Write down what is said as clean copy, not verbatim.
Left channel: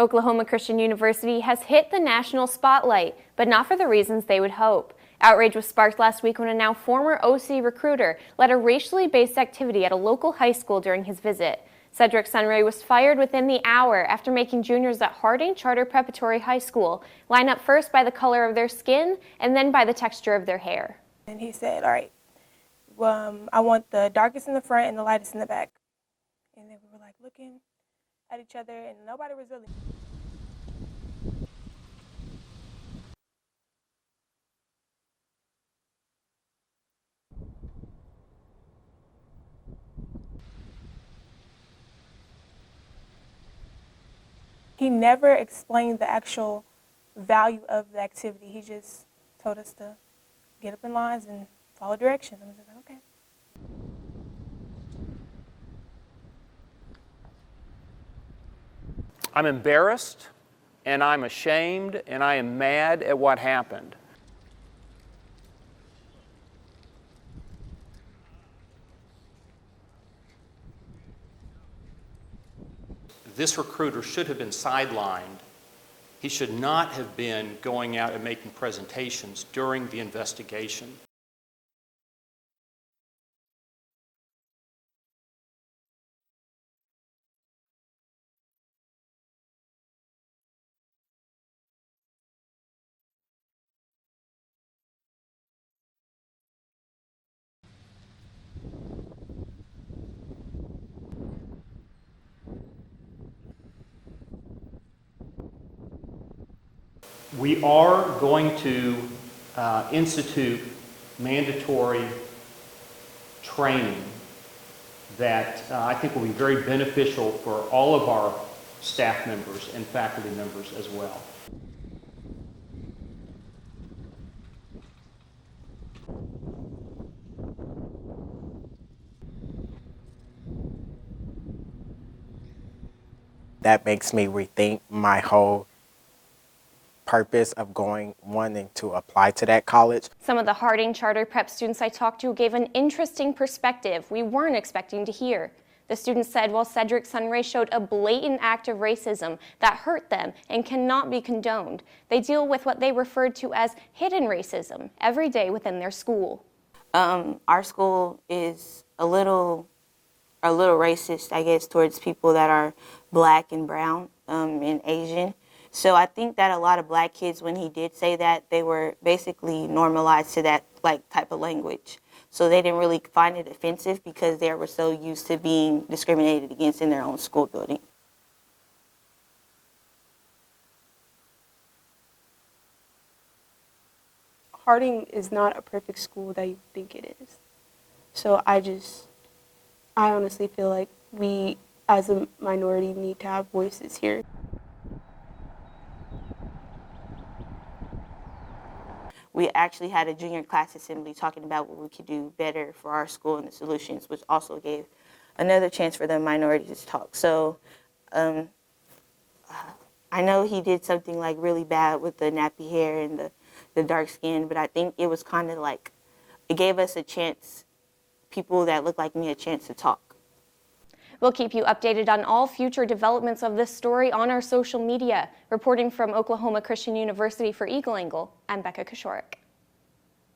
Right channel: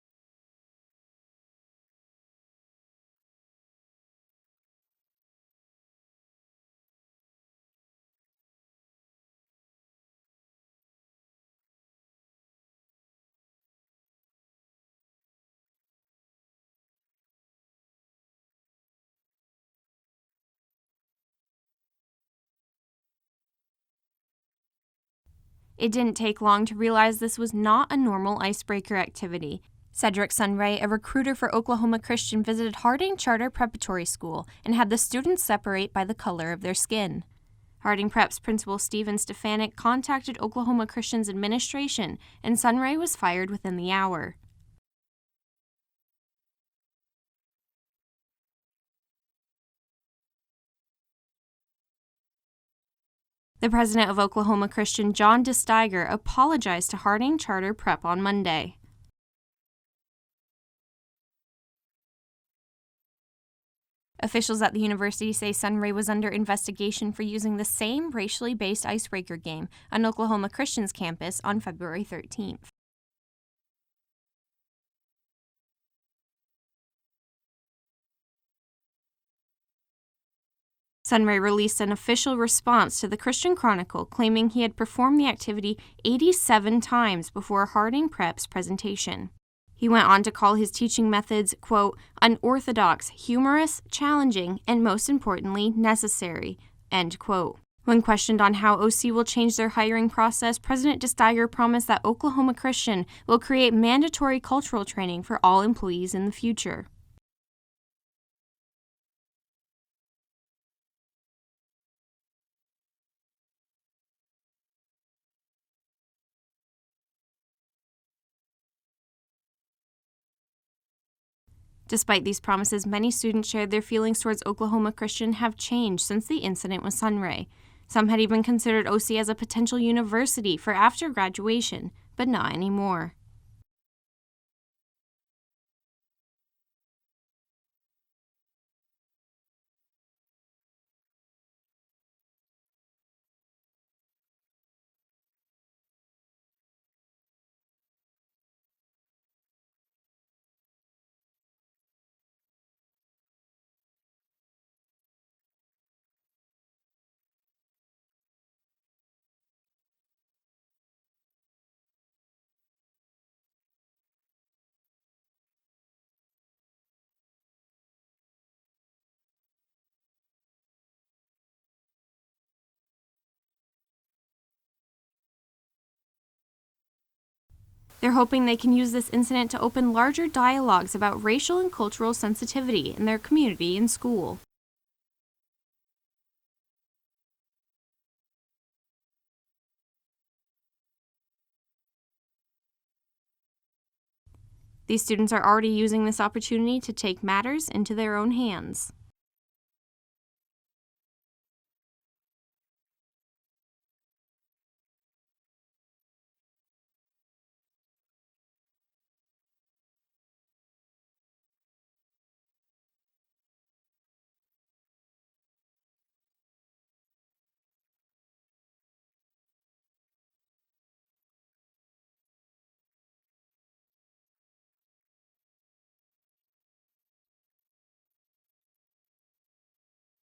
Oklahoma Christian University has hit the national spotlight, but not for the reasons they would hope. Outrage was sparked last week when a now former OC recruiter led a racially based activity at a local high school during his visit. Cedric Sunray was fired within the hour after making juniors at Harding Charter Preparatory High School line up first by the color of their skin and then by the texture of their hair. And he said, all right, I want the darkest in the front and the lightest in the back. It didn't take long to realize this was not a normal icebreaker activity. Cedric Sunray, a recruiter for Oklahoma Christian, visited Harding Charter Preparatory School and had the students separate by the color of their skin. Harding Prep's principal Stephen Stefanik contacted Oklahoma Christian's administration, and Sunray was fired within the hour. He never explained the actual value of the activity. He just told us to get up in lines and follow directions. I was like, okay. The president of Oklahoma Christian, John DeSteiger, apologized to Harding Charter Prep on Monday. I'm embarrassed, and I'm ashamed, and I am mad at what happened. Officials at the university say Sunray was under investigation for using the same racially based icebreaker game on Oklahoma Christian's campus on February 13th. This recruiter should have been sidelined. He should not have been going out and making presentations during the investigation. Sunray released an official response to the Christian Chronicle claiming he had performed the activity 87 times before Harding Prep's presentation. He went on to call his teaching methods, quote, unorthodox, humorous, challenging, and most importantly, necessary, end quote. When questioned on how OC will change their hiring process, President DeSteiger promised that Oklahoma Christian will create mandatory cultural training for all employees in the future. We are going to institute mandatory training that I think will be very beneficial for all of our staff members and faculty members as well. Despite these promises, many students shared their feelings towards Oklahoma Christian have changed since the incident with Sunray. Some had even considered OC as a potential university for after graduation, but not anymore. That makes me rethink my whole purpose of wanting to apply to that college. Some of the Harding Charter Prep students I talked to gave an interesting perspective we weren't expecting to hear. The students said while Cedric Sunray showed a blatant act of racism that hurt them and cannot be condoned, they deal with what they referred to as hidden racism every day within their school. Our school is a little racist, I guess, towards people that are black and brown and Asian. So I think that a lot of black kids, when he did say that, they were basically normalized to that type of language. So they didn't really find it offensive because they were so used to being discriminated against in their own school building. They're hoping they can use this incident to open larger dialogues about racial and cultural sensitivity in their community and school. Harding is not a perfect school that you think it is. So I honestly feel like we as a minority need to have voices here. These students are already using this opportunity to take matters into their own hands. We actually had a junior class assembly talking about what we could do better for our school and the solutions, which also gave another chance for the minorities to talk. So I know he did something like really bad with the nappy hair and the dark skin, but I think it was kind of like, it gave us a chance, people that look like me, a chance to talk. We'll keep you updated on all future developments of this story on our social media. Reporting from Oklahoma Christian University for Eagle Angle, I'm Becca Koshorik.